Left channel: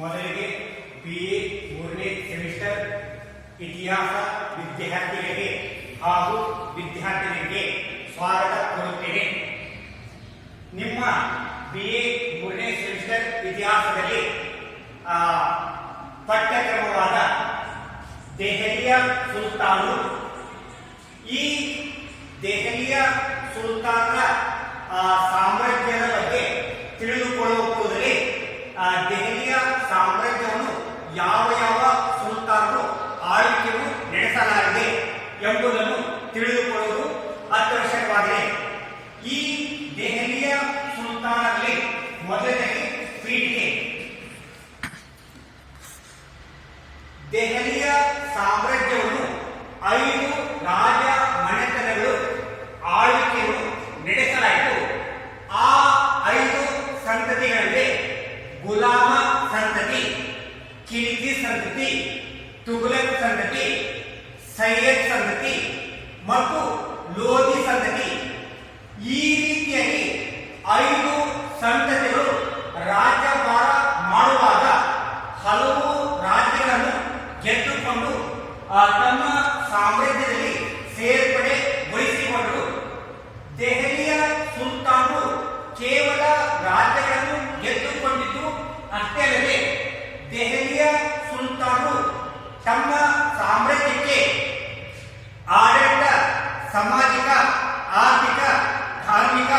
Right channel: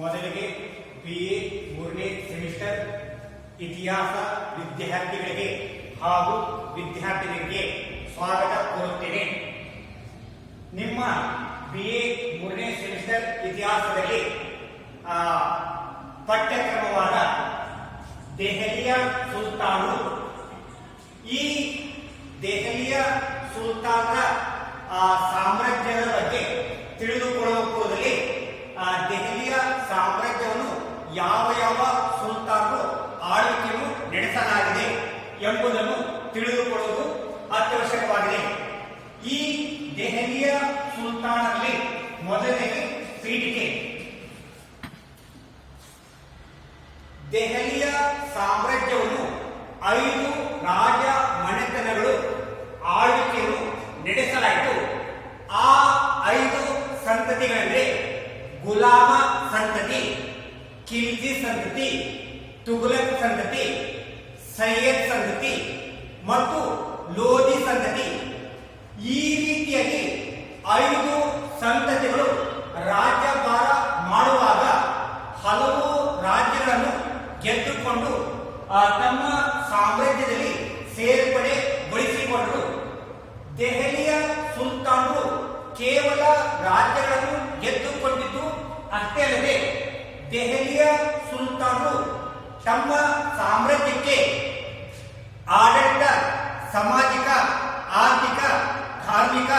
ಮೊದಲಿಗೆ BA 3ನೇ semester ಇತಿಹಾಸ ವಿದ್ಯಾರ್ಥಿಗಳಿಗೆ ಹಾಗೂ ವಿದ್ಯಾರ್ಥಿಗಳಿಗೆ ಸ್ವಾಗತ ಕೋರುತ್ತೇನೆ. ನಿಮ್ಮ BA 3ನೇ ಸೆಮಿಸ್ಟರ್ ಇತಿಹಾಸದಲ್ಲಿ ಪಠ್ಯಕ್ರಮವಾದ ದೆಹಲಿಯ ಸುಲ್ತಾನರು, ಈ ದೆಹಲಿಯ ಸುಲ್ತಾನರ ಸಾಮ್ರಾಜ್ಯದ ಬಗ್ಗೆ ತಿಳಿದುಕೊಳ್ಳುವ ಕೂಡಲೇ ದೆಹಲಿಯ ಸಾಮ್ರಾಜ್ಯವನ್ನು ಯಾವ ಯಾವ ಸುಲ್ತಾನರು ಆಳ್ವಿಕೆಯನ್ನು ನಡೆಸಲಾಗಿದೆ ಎಂಬುದನ್ನು ತಿಳಿದುಕೊಳ್ಳುವುದು ಅತ್ಯವಶ್ಯಕವಾಗಿದೆ. ಈ ದೆಹಲಿಯ ಸುಲ್ತಾನರಲ್ಲಿ ಮೊದಲನೇ ಪೀಠಿಕೆ. ದೆಹಲಿಯ ಸಾಮ್ರಾಜ್ಯವನ್ನು 5 ರಾಜ ಮನೆತನಗಳು ಆಳ್ವಿಕೆಯನ್ನು ನಡೆಸಲಾಯಿತು. ಆ 5 ಸಂತತಿಗಳಲ್ಲಿ ಗುಲಾಮ ಸಂತತಿ, ಖಿಲ್ಜಿ ಸಂತತಿ, ತುಘಲಕ್ ಸಂತತಿ, ಸೈಯದ್ ಸಂತತಿ ಮತ್ತು ಲೋಧಿ ಸಂತತಿ. ಈ ರೀತಿಯಾಗಿ 5 ಸಂತತಿಗಳು ರಾಜ್ಯಭಾರ ಮಾಡುವಾಗ ಹಲವು ರಾಜ್ಯಗಳನ್ನು ಗೆದ್ದುಕೊಂಡು ತಮ್ಮ ಸಾಮ್ರಾಜ್ಯದಲ್ಲಿ ಸೇರ್ಪಡೆಗೊಳಿಸಿಕೊಂಡರು. ದೆಹಲಿಯ ಸುಲ್ತಾನರು ಕೇವಲ ರಾಜ್ಯಗಳನ್ನು ಗೆದ್ದುಕೊಂಡಿದ್ದು ಅಷ್ಟೇ ಅಲ್ಲದೆ ದೆಹಲಿಯ ಸುಲ್ತಾನರು ತಮ್ಮ ಸಾಮ್ರಾಜ್ಯಕ್ಕೆ ಆಡಳಿತ, ಸಾಮಾಜಿಕ, ಆರ್ಥಿಕ, ಧಾರ್ಮಿಕ,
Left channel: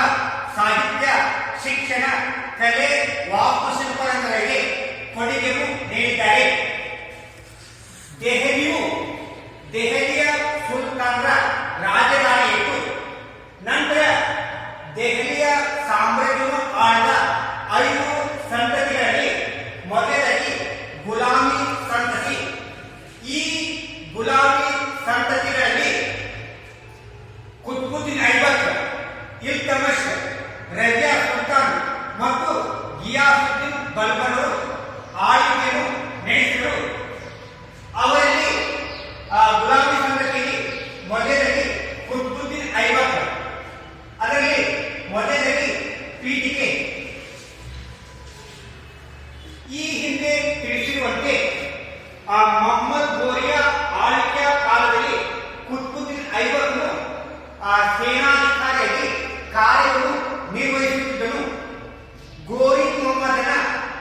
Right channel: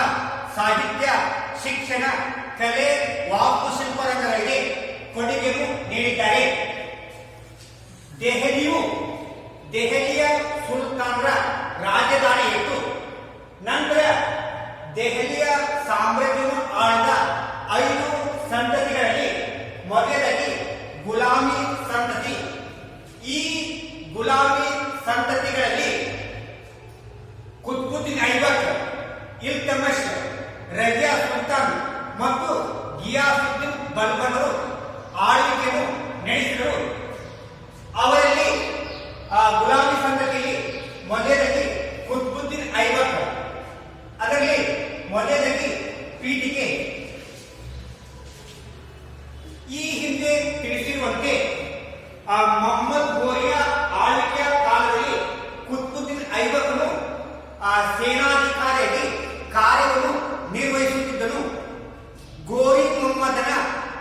ಸಾಹಿತ್ಯ, ಶಿಕ್ಷಣ, ಕಲೆ, ವಾಸ್ತುಶಿಲ್ಪರಂಗಗಳಿಗೆ ಕೊಡುಗೆಯನ್ನು ನೀಡಿದ್ದಾರೆ. ದೆಹಲಿಯ ಸುಲ್ತಾನರ ರಾಜಧಾನಿಯಿತ್ತು. ನಂತರ ದೆಹಲಿಯ ಸಾಮ್ರಾಜ್ಯವನ್ನು ಆಳಿದ 5 ಸಂತತಿಗಳಲ್ಲಿ ಮೊದಲಾಗಿ ಗುಲಾಮಿ ಸಂತತಿ. ಈ ಗುಲಾಮಿ ಸಂತತಿಗಳಲ್ಲಿ ಕುತುಬುದ್ದೀನ್ ಐಬಕ್, ಇಲ್ತಮಷ್, ರಜಿಯಾ ಸುಲ್ತಾನ್ ಮತ್ತು ಗಿಯಾಸುದ್ದೀನ್ ಬಲ್ಬನರು ಆಳ್ವಿಕೆಯನ್ನು ನಡೆಸಿದರು. ಅವರಲ್ಲಿ ಗುಲಾಮಿ ಸಂತತಿಯಲ್ಲಿ ಮೊದಲಾಗಿ ಕುತುಬುದ್ದೀನ್ ಐಬಕ್, ಅದರಲ್ಲಿ ಮೊದಲಾಗಿ ಪೀಠಿಕೆ. ಈ ಹಿಂದೆ ತಿಳಿಸಿರುವಂತೆ ಮೊಹಮ್ಮದ್ ಗೋರಿಯ ಆಳ್ವಿಕೆಯ ಕಾಲದಲ್ಲಿ ಕುತುಬುದ್ದೀನ್ ಐಬಕ್ನು ಸೇನಾಧಿಕಾರಿಯಾಗಿ ಕಾರ್ಯವನ್ನು ನಿರ್ವಹಿಸುತ್ತಿದ್ದನು. ಗೋರಿ ಮೊಹಮ್ಮದನ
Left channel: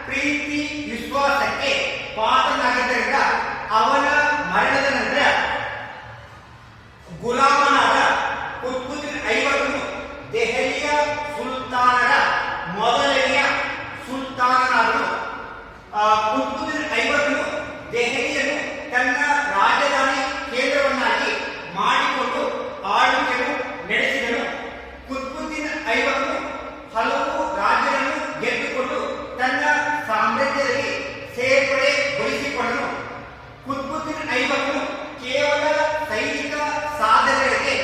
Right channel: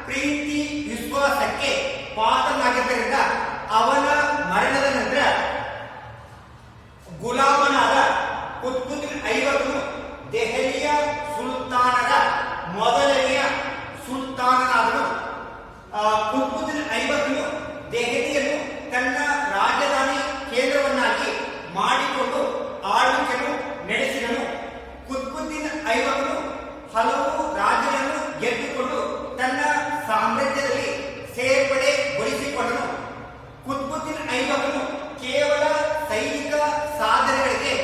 ಪ್ರೀತಿ ವಿಶ್ವಾಸಕ್ಕೆ ಪಾತ್ರನಾಗಿದ್ದರಿಂದ ಅವನ ಮರಣದ ನಂತರ ಗುಲಾಮನಾದ ಕುತುಬುದ್ದೀನ್ ಐಬಕ್ನು ದೆಹಲಿಯ ಸುಲ್ತಾನರ ಮೊದಲನೆಯ ಸುಲ್ತಾನನಾದನು. ಕುತುಬುದ್ದೀನ್ ಐಬಕ್ನು ದೆಹಲಿಯನ್ನು ತನ್ನ ರಾಜಧಾನಿ ಕೇಂದ್ರವನ್ನಾಗಿ ಮಾಡಿಕೊಂಡು ಆಳ್ವಿಕೆಯನ್ನು ನಡೆಸಿದನು. ಕುತುಬುದ್ದೀನ್ ಐಬಕ್ನು ಹಲವು ರಾಜ್ಯಗಳನ್ನು ಗೆದ್ದುಕೊಂಡು ತನ್ನ ಸಾಮ್ರಾಜ್ಯದಲ್ಲಿ ಸೇರ್ಪಡೆಗೊಳಿಸಿಕೊಂಡನು. ಕುತುಬುದ್ದೀನ್ ಐಬಕ್ನು ಕೇವಲ ಸೈನಿಕ ಸಾಧನೆಗಳಿಗೆ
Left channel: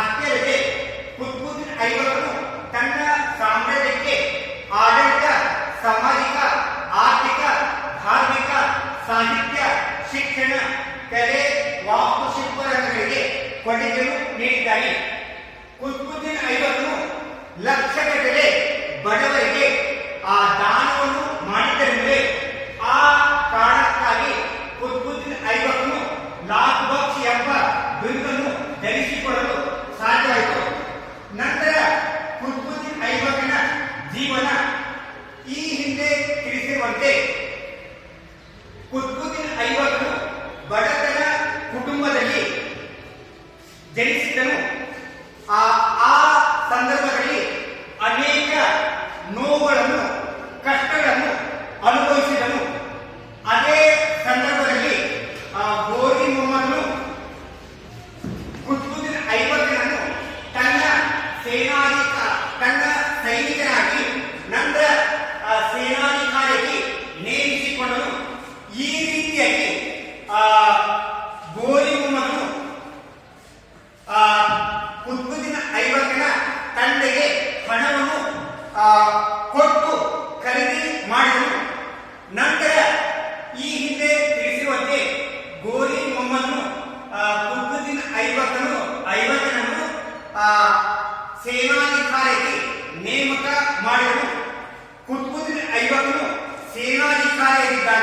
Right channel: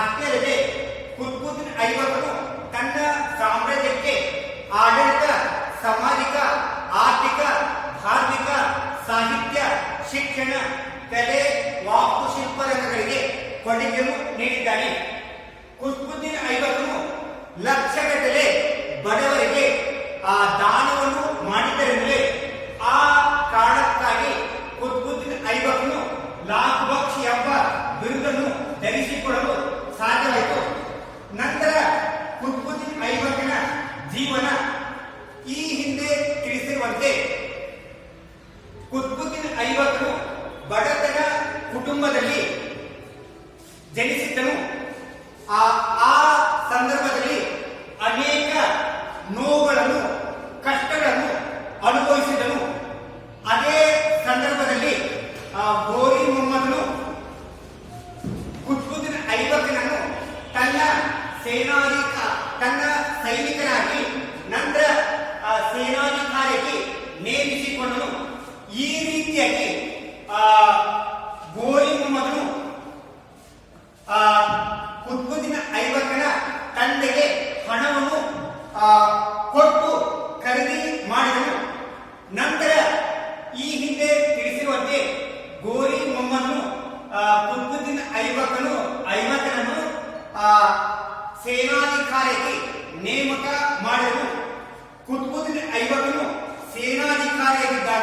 ಅಷ್ಟೇ ಅಲ್ಲದೆ ಕುತುಬುದ್ದೀನ್ ಐಬಕ್ನು ತನ್ನ ಸಾಮ್ರಾಜ್ಯಕ್ಕೆ ಆಡಳಿತ, ಸಾಮಾಜಿಕ, ಆರ್ಥಿಕ, ಧಾರ್ಮಿಕ, ಸಾಹಿತ್ಯ, ಶಿಕ್ಷಣ, ಕಲೆ, ವಾಸ್ತುಶಿಲ್ಪರಂಗಗಳಿಗೆ ಕೊಡುಗೆಯನ್ನು ನೀಡಿದ್ದಾನೆ. ಕುತುಬುದ್ದೀನ್ ಐಬಕ್ನು ಲಕ್ಷಗಟ್ಟಲೆ ಬಡವರಿಗೆ ದಾನವನ್ನು ಮಾಡಿದ್ದರಿಂದ ಆ ಕಾರಣಕ್ಕಾಗಿ ಕುತುಬುದ್ದೀನ್ ಐಬಕ್ನು ಲಾಖ್ ಬಕ್ಷ್ ಎಂಬ ಬಿರುದನ್ನು ಧರಿಸಿಕೊಳ್ಳಲು ಸಾಧ್ಯವಾಯಿತು. ನಂತರ ಕುತುಬುದ್ದೀನ್ ಐಬಕ್ನ ಜೀವನ. ಈ ಹಿಂದೆ ತಿಳಿಸಿರುವಂತೆ ಕುತುಬುದ್ದೀನ್ ಐಬಕ್ನು ಬಡತನ ಕುಟುಂಬದಲ್ಲಿ ಜನಿಸಿದ್ದನು. ಆ ಸಂದರ್ಭದಲ್ಲಿ ಅನೇಕ ನೋವುಗಳನ್ನು, ಕಷ್ಟಗಳನ್ನು ಅನುಭವಿಸಿದನು. ಅದೇ ಸಂದರ್ಭದಲ್ಲಿ ಗೋರಿ ಮೊಹಮ್ಮದನು ಕುತುಬುದ್ದೀನ್ ಐಬಕ್ನನ್ನು ತನ್ನ ಸೈನಿಕನಾಗಿ ನಂತರ ಸೇನಾಧಿಕಾರಿಯಾಗಿ ನೇಮಿಸಿಕೊಂಡನು. ಈ ರೀತಿಯಾಗಿ ಗೋರಿ ಮೊಹಮ್ಮದನು ಕುತುಬುದ್ದೀನ್ ಐಬಕ್ನ ತಂದೆಗೆ ಹಣವನ್ನು ಕೊಟ್ಟು ಖರೀದಿ ಮಾಡಿದನು. ನಂತರ ಈ ಹಿಂದೆ ತಿಳಿಸಿರುವಂತೆ ಗೋರಿ ಮೊಹಮ್ಮದನು ಕುತುಬುದ್ದೀನ್ ಐಬಕ್ನನ್ನು ಸೇನಾಧಿಕಾರಿಯಾಗಿ ನೇಮಕ ಮಾಡಿದನು. ಕುತುಬುದ್ದೀನ್ ಐಬಕ್ನು ಸೇನಾಧಿಕಾರಿಯಾಗಿದ್ದಾಗ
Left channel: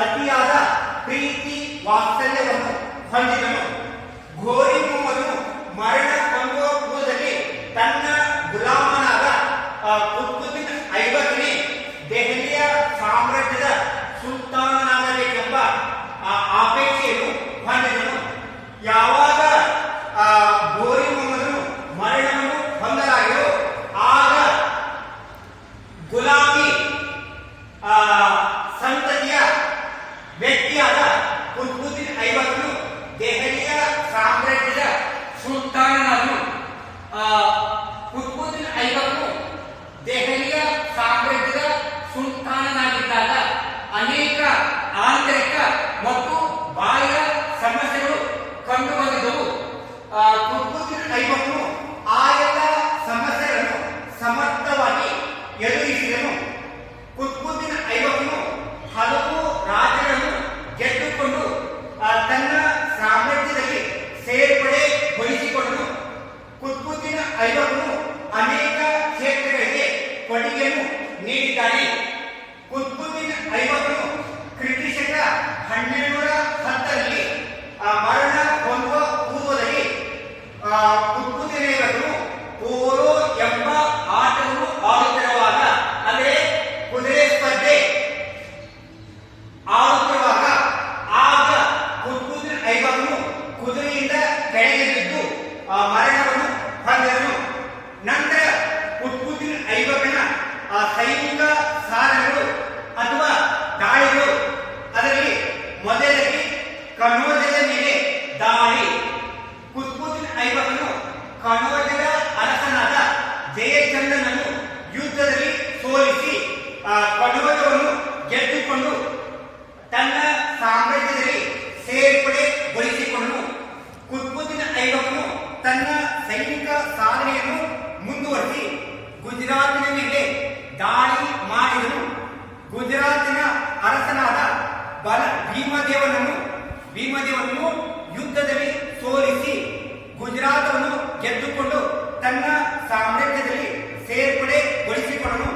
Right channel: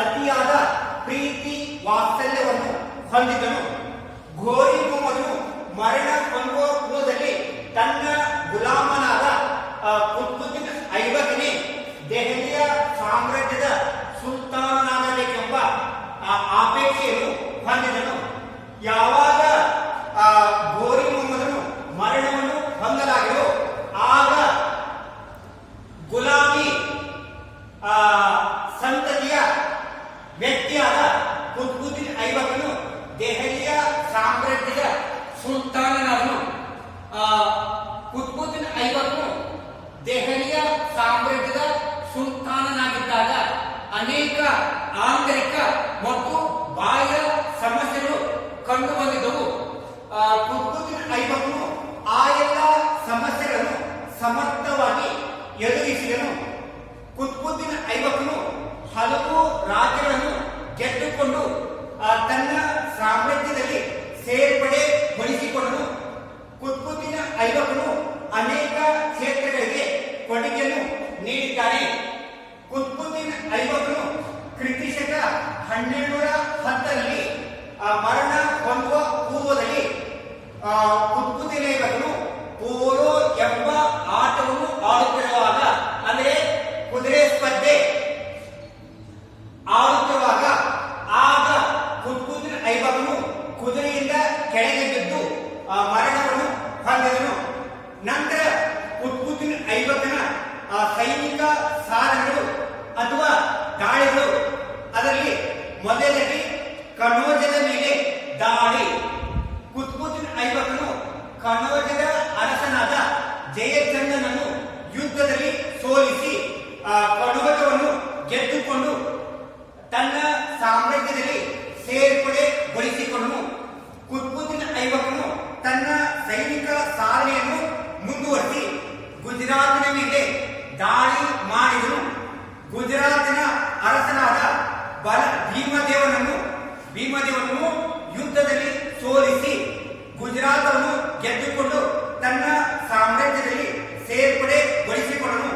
ಅತಿಯಾದ ಪ್ರೀತಿ ವಾತ್ಸಲ್ಯವನ್ನು ಹೊಂದಿದನು. ಘೋರಿ ಮೊಹಮ್ಮದನು ಮರಣ ಹೊಂದುವ ಪೂರ್ವದಲ್ಲಿ ತನ್ನ ಗುಲಾಮನಾದ ಕುತುಬುದ್ದೀನ್ ಐಬಕನೇ ದೆಹಲಿಯ ಸಾಮ್ರಾಜ್ಯದ ಸುಲ್ತಾನನಾಗಬೇಕೆಂಬ ಅಪೇಕ್ಷೆಯನ್ನು ಹೊಂದಿದನು. ಯಾವಾಗ ಘೋರಿ ಮೊಹಮ್ಮದನು ಮರಣವನ್ನು ಹೊಂದಲಾಗಿರೋ ಆಗ ಗುಲಾಮಿ ಸಂತತಿಯ ವ್ಯಕ್ತಿಯಾದ ಕುತುಬುದ್ದೀನ್ ಐಬಕನು ದೆಹಲಿಯ ಸಾಮ್ರಾಜ್ಯದ ಸುಲ್ತಾನನಾದನು. ಕುತುಬುದ್ದೀನ್ ಐಬಕನು ದೆಹಲಿಯ ಸಾಮ್ರಾಜ್ಯದ ಸುಲ್ತಾನನಾಗಿದ್ದಾಗ ಅನೇಕ ಆಂತರಿಕ ಮತ್ತು ಬಾಹ್ಯ ಸಮಸ್ಯೆಗಳು ಕಂಡುಬಂದಿದ್ದವು. ಕುತುಬುದ್ದೀನ್ ಐಬಕನು ಆ ಎಲ್ಲ ಸಮಸ್ಯೆಗಳನ್ನು ಸಮರ್ಥವಾಗಿ ಎದುರಿಸಿದನು. ಕುತುಬುದ್ದೀನ್ ಐಬಕನು ಹಲವು ರಾಜ್ಯಗಳನ್ನು ಗೆದ್ದುಕೊಂಡು ತನ್ನ ಸಾಮ್ರಾಜ್ಯದಲ್ಲಿ ಸೇರ್ಪಡೆಗೊಳಿಸಿಕೊಂಡನು. ಕುತುಬುದ್ದೀನ್ ಐಬಕನು ಅನೇಕ ಕ್ಷೇತ್ರಗಳಿಗೆ ಕೊಡುಗೆಯನ್ನು ನೀಡಿದ್ದಾನೆ. ಕುತುಬುದ್ದೀನ್ ಐಬಕನು ಕ್ರಿಟಿಶಕ 1210ರಲ್ಲಿ ಮರಣ ಹೊಂದುವ ಪೂರ್ವದಲ್ಲಿ ಕುತುಬುದ್ದೀನ್ ಐಬಕನು ಪೋಲೋ ಎಂಬ ಆಟವನ್ನು ಆಡುತ್ತಿರುವಾಗ, ಅಂದರೆ ಕುದುರೆ ಸ್ಪರ್ಧೆ ಆಡುತ್ತಿರುವಾಗ, ಆಗ ಕುತುಬುದ್ದೀನ್ ಐಬಕನು ಕುದುರೆಯಿಂದ ಕೆಳಗೆ ಬಿದ್ದು ಮರಣವನ್ನು ಹೊಂದಿದನು. ನಂತರ ಕುತುಬುದ್ದೀನ್ ಐಬಕನ ಸೈನಿಕ ಸಾಧನೆಗಳು ಅಥವಾ ದಾಳಿಗಳು, ಅದರಲ್ಲಿ ಮೊದಲಾಗಿ ಕನೌಜದ ಮೇಲೆ ದಾಳಿ. ಕುತುಬುದ್ದೀನ್ ಐಬಕನು ಕನೌಜದ ಅರಸನಾದ ಜಯಚಂದ್ರನನ್ನು ಯುದ್ಧದಲ್ಲಿ ಸೋಲಿಸಿ ಕನೌಜವನ್ನು ಗೆದ್ದುಕೊಂಡು ತನ್ನ ಸಾಮ್ರಾಜ್ಯದಲ್ಲಿ ಸೇರ್ಪಡೆಗೊಳಿಸಿಕೊಂಡನು. ಕುತುಬುದ್ದೀನ್ ಐಬಕನು ತನ್ನ ಸೈನಿಕ ಸಾಧನೆಯನ್ನು ಮುಂದುವರಿಸಿ ಗುಜರಾತಿನ ಮೇಲೆ ದಾಳಿ ಮಾಡಿದನು. ಗುಜರಾತಿನ ಅರಸನಾದ ಭೀಮದೇವನನ್ನು ಯುದ್ಧದಲ್ಲಿ ಸೋಲಿಸಿ ಗುಜರಾತವನ್ನು ಗೆದ್ದುಕೊಂಡು ತನ್ನ ಸಾಮ್ರಾಜ್ಯದಲ್ಲಿ ಸೇರ್ಪಡೆಗೊಳಿಸಿಕೊಂಡನು.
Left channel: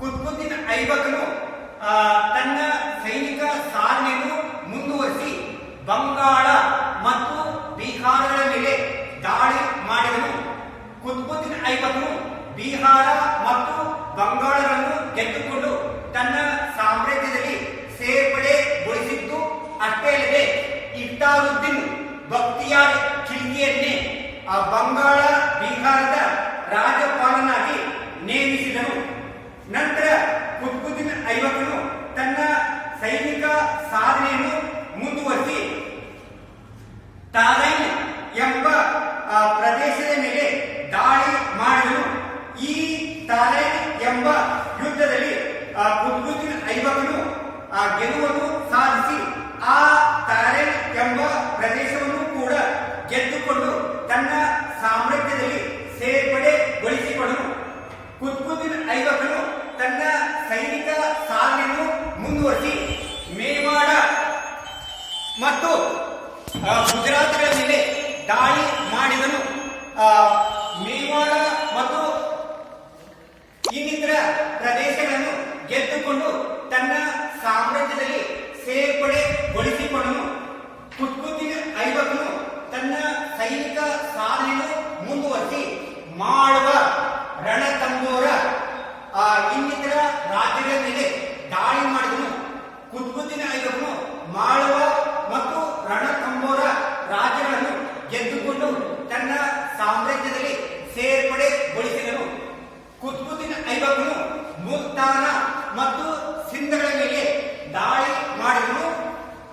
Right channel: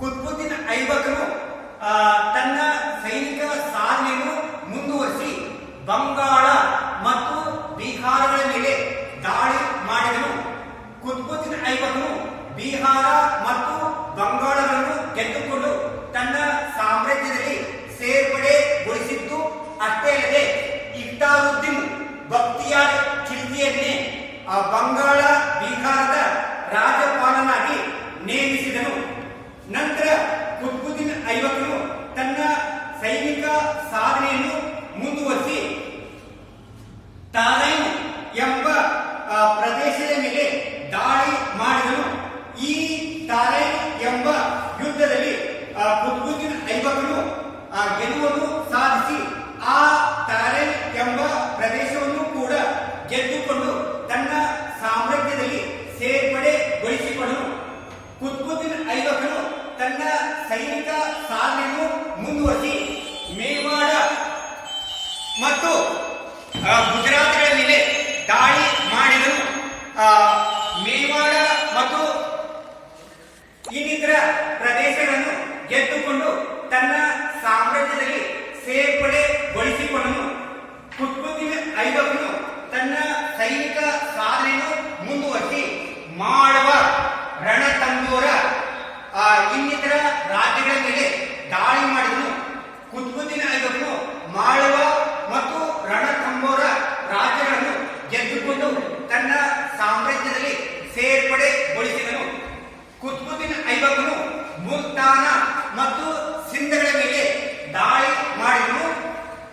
ಕುತುಬುದ್ದೀನ್ ಐಬಕನು ತನ್ನ ಸೈನಿಕ ಸಾಧನೆಯನ್ನು ಮುಂದುವರಿಸಿ ಬಂಗಾಳ ಮತ್ತು ಬಿಹಾರಗಳ ಮೇಲೆ ದಾಳಿ ಮಾಡಿದನು. ಕುತುಬುದ್ದೀನ್ ಐಬಕನು ಬಿಹಾರ ಮತ್ತು ಬಂಗಾಳಗಳನ್ನು ಗೆದ್ದುಕೊಂಡು ತನ್ನ ಸಾಮ್ರಾಜ್ಯದಲ್ಲಿ ಸೇರ್ಪಡೆಗೊಳಿಸಿದ್ದು ಅಷ್ಟೇ ಅಲ್ಲದೆ ಇಫ್ತಾರುದ್ದೀನ್ ಬಕ್ತಿಯಾರ್ ಖಿಲ್ಜಿಯನ್ನೇ ಬಂಗಾಳ ಬಿಹಾರದ ರಾಜ್ಯಪಾಲನಾಗಿ ನೇಮಿಸಿದನು. ನಂತರ ಕುತುಬುದ್ದೀನ್ ಐಬಕನು ತನ್ನ ಸೈನಿಕ ಸಾಧನೆಯನ್ನು ಮುಂದುವರಿಸಿ ತಾರೈನ್ ಎಂಬ ಪ್ರದೇಶದ ಮೇಲೆ ದಾಳಿ ಮಾಡಿದನು. ಈ ತಾರೈನ್ ಎಂಬ ಯುದ್ಧದಲ್ಲಿ ಕುತುಬುದ್ದೀನ್ ಐಬಕನು ಗೆಲುವನ್ನು ಸಾಧಿಸಿ ಆ ತಾರೈನ್ ಎಂಬ ಪ್ರದೇಶವನ್ನು ಕೂಡ ಗೆದ್ದುಕೊಂಡು ತನ್ನ ಸಾಮ್ರಾಜ್ಯದಲ್ಲಿ ಸೇರ್ಪಡೆಗೊಳಿಸಿಕೊಂಡನು. ಕುತುಬುದ್ದೀನ್ ಐಬಕನು ತನ್ನ ಸೈನಿಕ ಸಾಧನೆಯನ್ನು ಮುಂದುವರಿಸಿ ಮೇವಾಡ ಮತ್ತು ಗುಜರಾತ್ಗಳ ಮೇಲೆ ದಾಳಿ ಮಾಡಿದನು. ಮೇವಾಡ ಮತ್ತು ಇನ್ನಿತರ ಪ್ರದೇಶಗಳನ್ನು ಗೆದ್ದುಕೊಂಡು ತನ್ನ ಸಾಮ್ರಾಜ್ಯದಲ್ಲಿ ಸೇರ್ಪಡೆಗೊಳಿಸಿಕೊಂಡನು. ಕುತುಬುದ್ದೀನ್ ಐಬಕನು ತನ್ನ ಸೈನಿಕ ಸಾಧನೆಯನ್ನು ಮುಂದುವರಿಸಿ ಮಾಳವ, ರಣತಂಬೋರ ಇನ್ನಿತರ ರಾಜ್ಯಗಳ ಮೇಲೆ ದಾಳಿ ಮಾಡಿದನು. ಕುತುಬುದ್ದೀನ್ ಐಬಕನು ಮಾಳವ ಮತ್ತು ರಣತಂಬೋರ ರಾಜ್ಯಗಳನ್ನು ಗೆದ್ದುಕೊಂಡು ತನ್ನ ಸಾಮ್ರಾಜ್ಯದಲ್ಲಿ ಸೇರ್ಪಡೆಗೊಳಿಸಿದನು. ಕುತುಬುದ್ದೀನ್ ಐಬಕನು ಮುಲ್ತಾನ ಮತ್ತು ಸಿಂಧಗಳ ಮೇಲೆ ದಾಳಿ ಮಾಡಿದನು.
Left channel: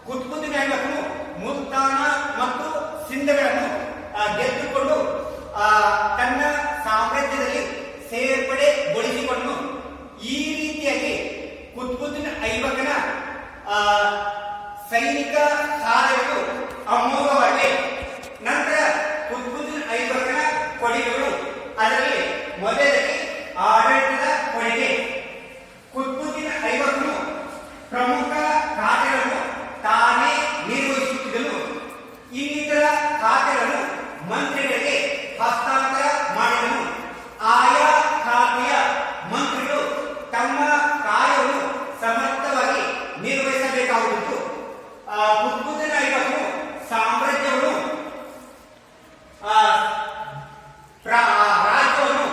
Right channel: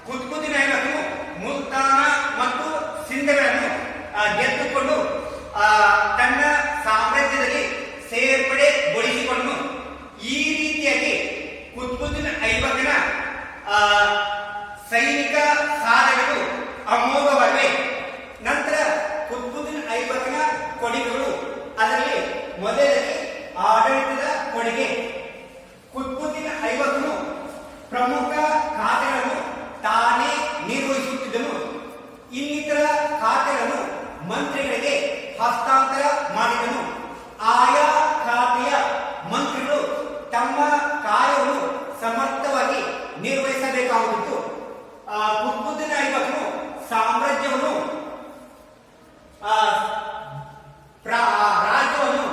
ಕುತುಬುದ್ದೀನ್ ಐಬಕನು ಮುಲ್ತಾನ ಮತ್ತು ಸಿಂಧಗಳನ್ನು ಗೆದ್ದುಕೊಂಡು ತನ್ನ ಸಾಮ್ರಾಜ್ಯದಲ್ಲಿ ಸೇರ್ಪಡೆಗೊಳಿಸಿಕೊಂಡನು. ಈ ರೀತಿಯಾಗಿ ಕುತುಬುದ್ದೀನ್ ಐಬಕನ ಸೈನಿಕ ಸಾಧನೆಗಳು ಅಮೋಘವಾಗಿವೆ. ನಂತರ ಕುತುಬುದ್ದೀನ್ ಐಬಕನ ಕೊಡುಗೆಗಳು, ಅದರಲ್ಲಿ ಮೊದಲಾಗಿ ಆಡಳಿತದ ಕೊಡುಗೆ. ಕುತುಬುದ್ದೀನ್ ಐಬಕನು ಪ್ರಮುಖ ಖಾತೆಗಳನ್ನು ತಾನೇ ನಿರ್ವಹಿಸುತ್ತಿದ್ದನು. ಇನ್ನಿತರ ಖಾತೆಗಳನ್ನು ಮಂತ್ರಿಗಳಿಗೆ ಹಸ್ತಾಂತರ ಮಾಡಿದನು. ಆಯಾ ಖಾತೆಯ ಮಂತ್ರಿಗಳು ತಮ್ಮ ಕಾರ್ಯವನ್ನು ಸಮರ್ಥವಾಗಿ ನಿರ್ವಹಿಸಬೇಕು. ಗಮನಿಸಬೇಕಾಗುವುದು ಕುತುಬುದ್ದೀನ್ ಐಬಕ್ನು ಸಾಮ್ರಾಜ್ಯವನ್ನು ರಾಜ್ಯವನ್ನು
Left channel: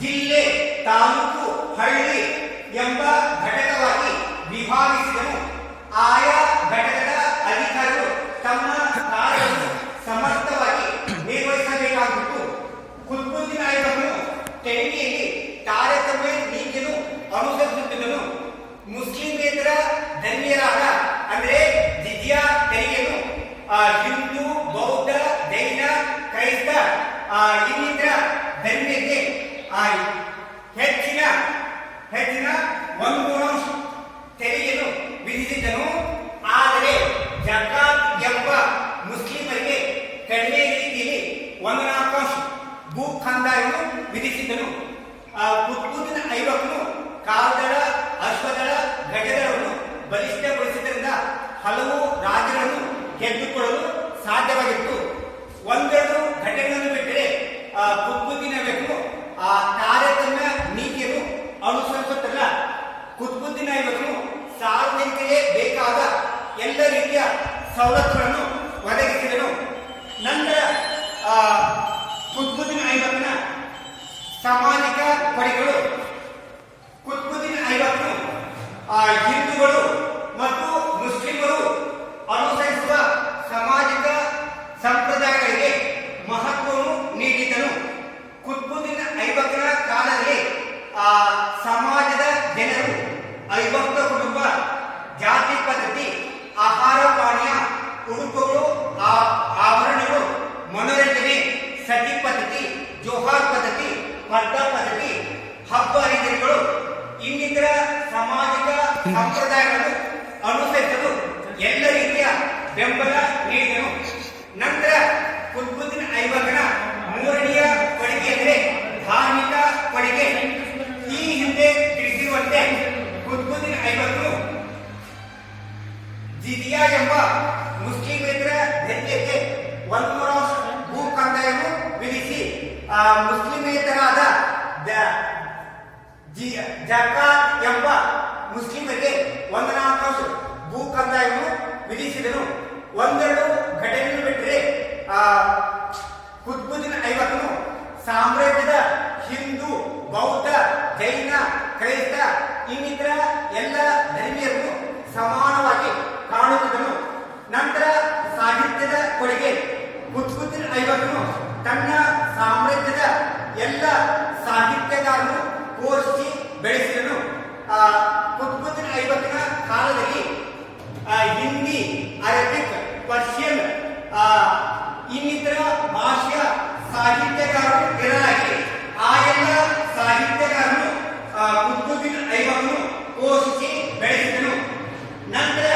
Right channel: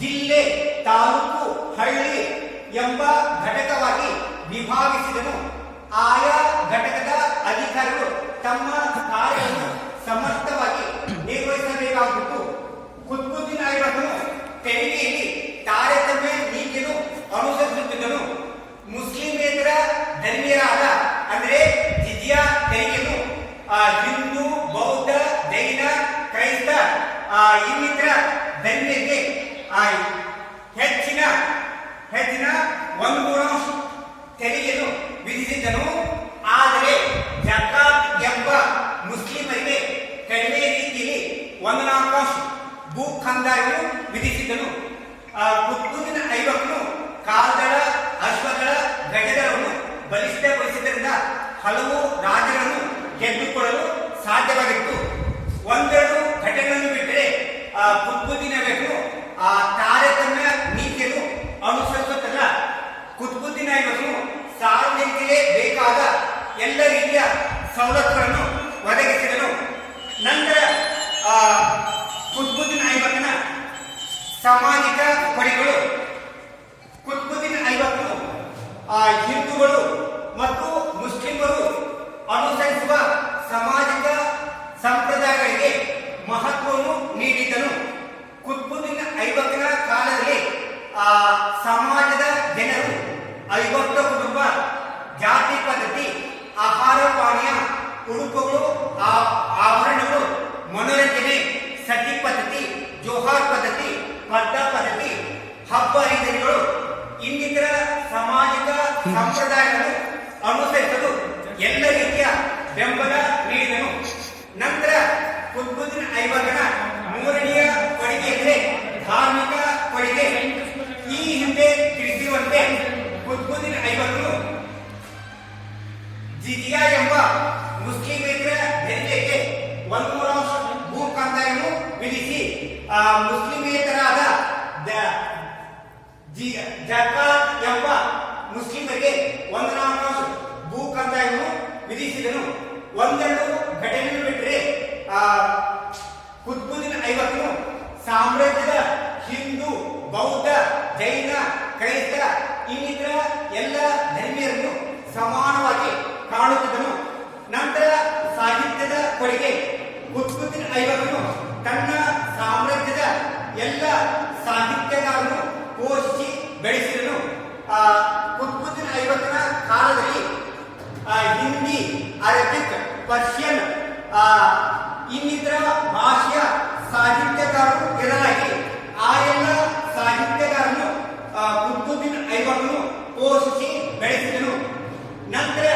ಜಿಲ್ಲೆ, ತಾಲೂಕು, ಹಳ್ಳಿ ಎಂಬ ಘಟಕವಾಗಿ ವಿಭಾಗಿಸಿದನು. ಆಯಾ ಘಟಕದ ಅಧಿಕಾರಿಗಳು ತಮ್ಮ ಕಾರ್ಯವನ್ನು ಸಮರ್ಥವಾಗಿ ನಿರ್ವಹಿಸಬೇಕಾಗಿತ್ತು. ಕುತುಬುದ್ದೀನ್ ಐಬಕ್ನು ತೆರಿಗೆಯಲ್ಲಿ ತಾರತಮ್ಯ ನೀತಿಯನ್ನು ಅನುಸರಿಸುತ್ತಿದ್ದನು. ಮುಸ್ಲಿಮೇತರ ಧರ್ಮೀಯರಾದ ಅಂದರೆ ಜಿಜಿಯಾ ತೆರಿಗೆಯನ್ನು ಹಿಂದೂ, ಬೌದ್ಧ, ಜೈನ, ಕ್ರೈಸ್ತ ಇನ್ನಿತರ ಧರ್ಮೀಯರಿಗೆ ಹೆಚ್ಚಿನ 1/3 ತೆರಿಗೆಯನ್ನು ವಿಧಿಸಿದ್ದನು. ಆದರೆ ಜಕಾತ್ ಎಂಬ ಮುಸ್ಲಿಮರಿಗೆ ಕಡಿಮೆ ರೀತಿಯಲ್ಲಿ 1/4 ಭೂ ಕಂದಾಯವನ್ನು ವಿಧಿಸಿದ್ದನು. ಕುತುಬುದ್ದೀನ್ ಐಬಕ್ನು ಕಾಲ್ದಳ, ಅಶ್ವದಳ, ಗಜಗಳನ್ನು ಬಲಿಷ್ಠಗೊಳಿಸಿದ್ದರಿಂದ ಹಲವು ರಾಜ್ಯಗಳನ್ನು ಗೆದ್ದುಕೊಳ್ಳಲು ಸಾಧ್ಯವಾಗಿತ್ತು. ಒಂದೆರಡು ಘಟನೆಗಳನ್ನು ಬಿಟ್ಟರೆ ಕುತುಬುದ್ದೀನ್ ಐಬಕ್ನು ತಾರತಮ್ಯ ನೀತಿಯನ್ನು ಅನುಸರಿಸುತ್ತಿಲ್ಲ. ಕುತುಬುದ್ದೀನ್ ಐಬಕ್ನು ಸಾರ್ವಜನಿಕರಿಗೆ ಬೇಕಾದ ಎಲ್ಲ ರೀತಿಯ ಸವಲತ್ತುಗಳನ್ನು ಒದಗಿಸಿದನು. ನಂತರ ಕುತುಬುದ್ದೀನ್ ಐಬಕ್ನ ಸಾಮಾಜಿಕ ಪಡೆಗಳು. ಕುತುಬುದ್ದೀನ್ ಐಬಕ್ನು ಹಿಂದೂಗಳು ಮತ್ತು ಮುಸ್ಲಿಮರು ಅನುಸರಿಸುವ ಸಾಮಾಜಿಕ ಸಂಪ್ರದಾಯಗಳಿಗೆ ಮಹತ್ವವನ್ನು ನೀಡಿದ್ದನು. ಕುತುಬುದ್ದೀನ್ ಐಬಕ್ನ ಕಾಲದಲ್ಲಿ ಸಮಾಜದ ಜನರು ಅವಿಭಕ್ತ ಕುಟುಂಬ, ಜಾತಿ ಪದ್ಧತಿ, ಆಹಾರ ಪಾನೀಯ, ಉಡುಪುಗಳು, ಆಭರಣಗಳು, ಮನೋರಂಜನೆ, ಸತಿ ಪದ್ಧತಿ, ಜೋಹಾರ್ ಪದ್ಧತಿ, ಸ್ಪರ್ಧಾ ಪದ್ಧತಿ, ಹಬ್ಬ ಹರಿದಿನಗಳು ಇನ್ನಿತರ ಸಾಮಾಜಿಕ ಸಂಪ್ರದಾಯಗಳನ್ನು ಅನುಸರಿಸಲು ಎಲ್ಲ ರೀತಿಯ ಬೆಂಬಲ ನೀಡಿದನು. ನಂತರ ಕುತುಬುದ್ದೀನ್ ಐಬಕ್ನ ಮೂರನೆಯ ಕೊಡುಗೆ ಎಂದರೆ ಧಾರ್ಮಿಕ ಕೊಡುಗೆ. ಈ ಹಿಂದೆ ತಿಳಿಸಿರುವಂತೆ ಕುತುಬುದ್ದೀನ್ ಐಬಕ್ನು ಜಿಜಿಯಾ ಎಂಬ ಮುಸ್ಲಿಮೇತರ ಧರ್ಮೀಯರಿಗೆ 1/3 ಭೂ ಕಂದಾಯವನ್ನು ವಿಧಿಸಿ ಮುಸ್ಲಿಮೇತರಾದ ಜಕಾತ್ ಎಂಬ ಮುಸ್ಲಿಮರಿಗೆ 1/4 ಭೂ ಕಂದಾಯವನ್ನು ವಿಧಿಸಿದನು. ಒಂದೆರಡು ಘಟನೆಯನ್ನು ಬಿಟ್ಟರೆ ಕುತುಬುದ್ದೀನ್ ಐಬಕ್ನು ಸಾಮ್ರಾಜ್ಯದ ಹಿಂದೂ, ಬೌದ್ಧ, ಜೈನ, ಕ್ರೈಸ್ತ ಇನ್ನಿತರ ಎಲ್ಲ ಧರ್ಮೀಯರನ್ನು ಸಮಾನವಾಗಿ ಕಾಣುತ್ತಿದ್ದನು. ನಂತರ ಸಾಹಿತ್ಯದ ಕೊಡುಗೆ. ಕುತುಬುದ್ದೀನ್ ಐಬಕ್ನು ತನ್ನ ಸಾಮ್ರಾಜ್ಯದ ಎಲ್ಲ ಸಾಹಿತ್ಯಗಾರನ್ನು ಪೋಷಿಸಿ ಬೆಳೆಸಿದನು. ಕುತುಬುದ್ದೀನ್ ಐಬಕ್ನ ಕಾಲದಲ್ಲಿ ಹಿಂದಿ, ಅರಬಿಕ್, ಪರ್ಷಿಯನ್ ಇನ್ನಿತರ ಭಾಷೆಯ ಸಾಹಿತ್ಯಗಾರರು ಇರಲಾಗಿ ಆ ಎಲ್ಲ ಸಾಹಿತ್ಯಗಾರನ್ನು ಕುತುಬುದ್ದೀನ್ ಐಬಕ್ನು ಪೋಷಿಸಿ ಬೆಳೆಸಿದನು. ನಂತರ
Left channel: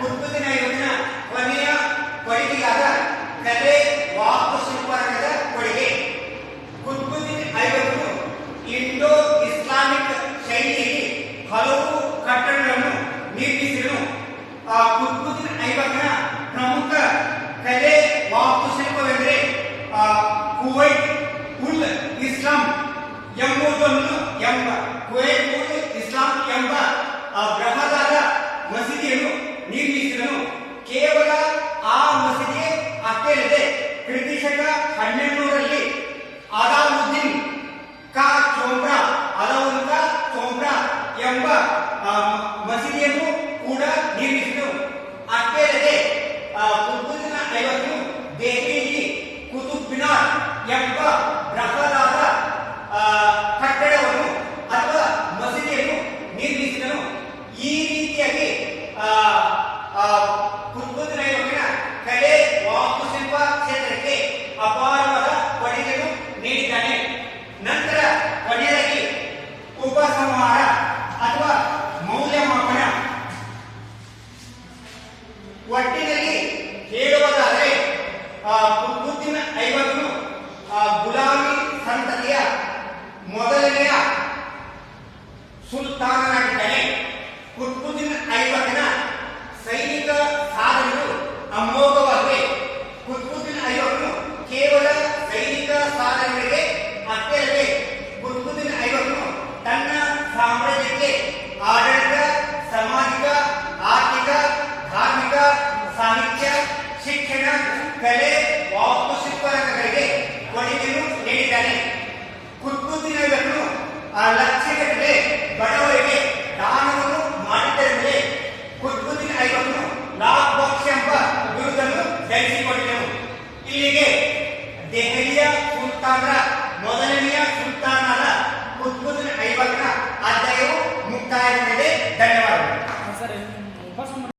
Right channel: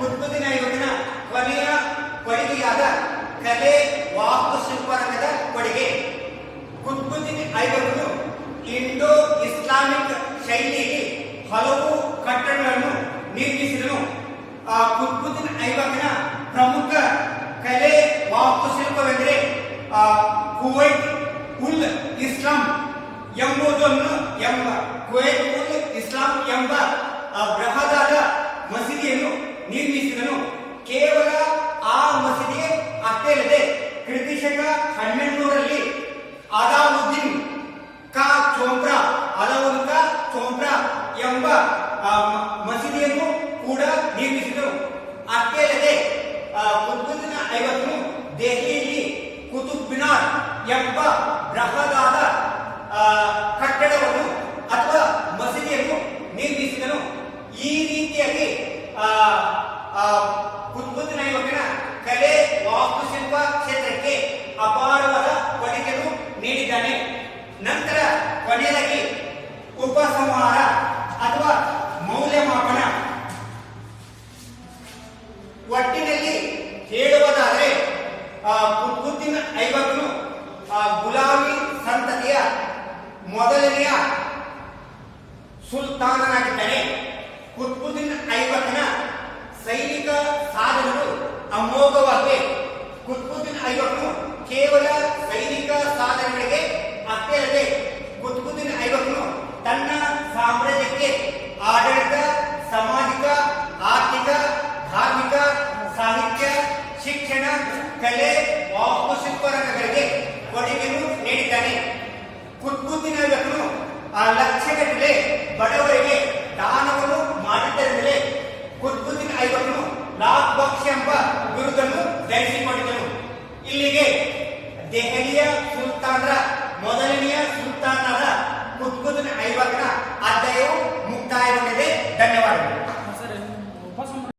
ಕುತುಬುದ್ದೀನ್ ಐಬಕ್ನ ಕೊನೆಯ ಕೊಡುಗೆಯಾದ ಕಲೆ, ವಾಸ್ತುಶಿಲ್ಪರಂಗದ ಕೊಡುಗೆ. ಕುತುಬುದ್ದೀನ್ ಐಬಕ್ನು ಇಂಡೋ ಇಸ್ಲಾಮಿಕ್ ಶೈಲಿಯಲ್ಲಿ ಹಲವು ಕಟ್ಟಡಗಳನ್ನು ನಿರ್ಮಿಸಿದನು. ಕುತುಬುದ್ದೀನ್ ಐಬಕ್ನ ಪ್ರಮುಖ ಕಲೆ, ವಾಸ್ತುಶಿಲ್ಪವೆಂದರೆ ಕುವೈತ್ ಉಲ್ ಇಸ್ಲಾಂ ಕುವೈತ್ ಉಲ್ ಇಸ್ಲಾಂ ಎಂಬ ಬೃಹದಾದ ಮಸೀದಿಯನ್ನು ನಿರ್ಮಿಸಿದನು. ಕೇವಲ ಆ ಮಸೀದಿ ಅಷ್ಟೇ ಅಲ್ಲದೆ ಕ್ರಿಸ್ತಶಕ 1200ರಲ್ಲಿ ಅಲಾವುದ್ದೀನ್ ಕಾ ಚೋಮ್ರಾ ಎಂಬ ಮಸೀದಿಯನ್ನು ಕೂಡ ನಿರ್ಮಿಸಿದರು. ಅಷ್ಟೇ ಅಲ್ಲದೆ ಕುತುಬುದ್ದೀನ್ ಐಬಕ್ನು ದೆಹಲಿಯಲ್ಲಿ ಕುತುಬ್ ಮಿನಾರ್ ಎಂಬ ಬೃಹದಾದ ಕಟ್ಟಡವನ್ನು ಅಥವಾ ಮಸೀದಿಯನ್ನು ನಿರ್ಮಿಸಿದನು. ಈ ರೀತಿಯಾಗಿ ಕುತುಬುದ್ದೀನ್ ಐಬಕ್ನ ಕಲೆ, ವಾಸ್ತುಶಿಲ್ಪ ಕ್ಷೇತ್ರಕ್ಕೆ ಅಪಾರವಾದ ಕೊಡುಗೆಯನ್ನು ನೀಡಿದ್ದಾನೆ. ನಂತರ ಕೊನೆಯದಾಗಿ ಉಪಸಂಹಾರ ಅಥವಾ ಮೌಲ್ಯಮಾಪನ. ಒಟ್ಟಿನಲ್ಲಿ ಹೇಳುವುದಾದರೆ ಕುತುಬುದ್ದೀನ್ ಐಬಕ್ನು ಗುಲಾಮಿ ಸಂತತಿಯ ಮೊದಲನೆಯ ಸುಲ್ತಾನನಾಗಿದ್ದಾನೆ. ಕುತುಬುದ್ದೀನ್ ಐಬಕ್ನ ಸೈನಿಕ ಸಾಧನೆಗಳು ಅಮೋಘವಾಗಿವೆ. ಕುತುಬುದ್ದೀನ್ ಐಬಕ್ನು ಕೇವಲ ಸೈನಿಕ ಸಾಧನೆಗಳಿಗೆ ಅಷ್ಟೇ ಅಲ್ಲದೆ ಕುತುಬುದ್ದೀನ್ ಐಬಕ್ನು ತನ್ನ ಸಾಮ್ರಾಜ್ಯಕ್ಕೆ ಆಡಳಿತ, ಸಾಮಾಜಿಕ, ಆರ್ಥಿಕ ಕಲೆ ವಾಸ್ತುಶಿಲ್ಪ ರಂಗಗಳಿಗೆ ಕೊಡುಗೆಯನ್ನು ನೀಡಿದ್ದಾನೆ. ಕುತುಬುದ್ದೀನ್ ಐಬಕನು ಲಕ್ಷಗಟ್ಟಲೆ ಬಡವರಿಗೆ ದಾನ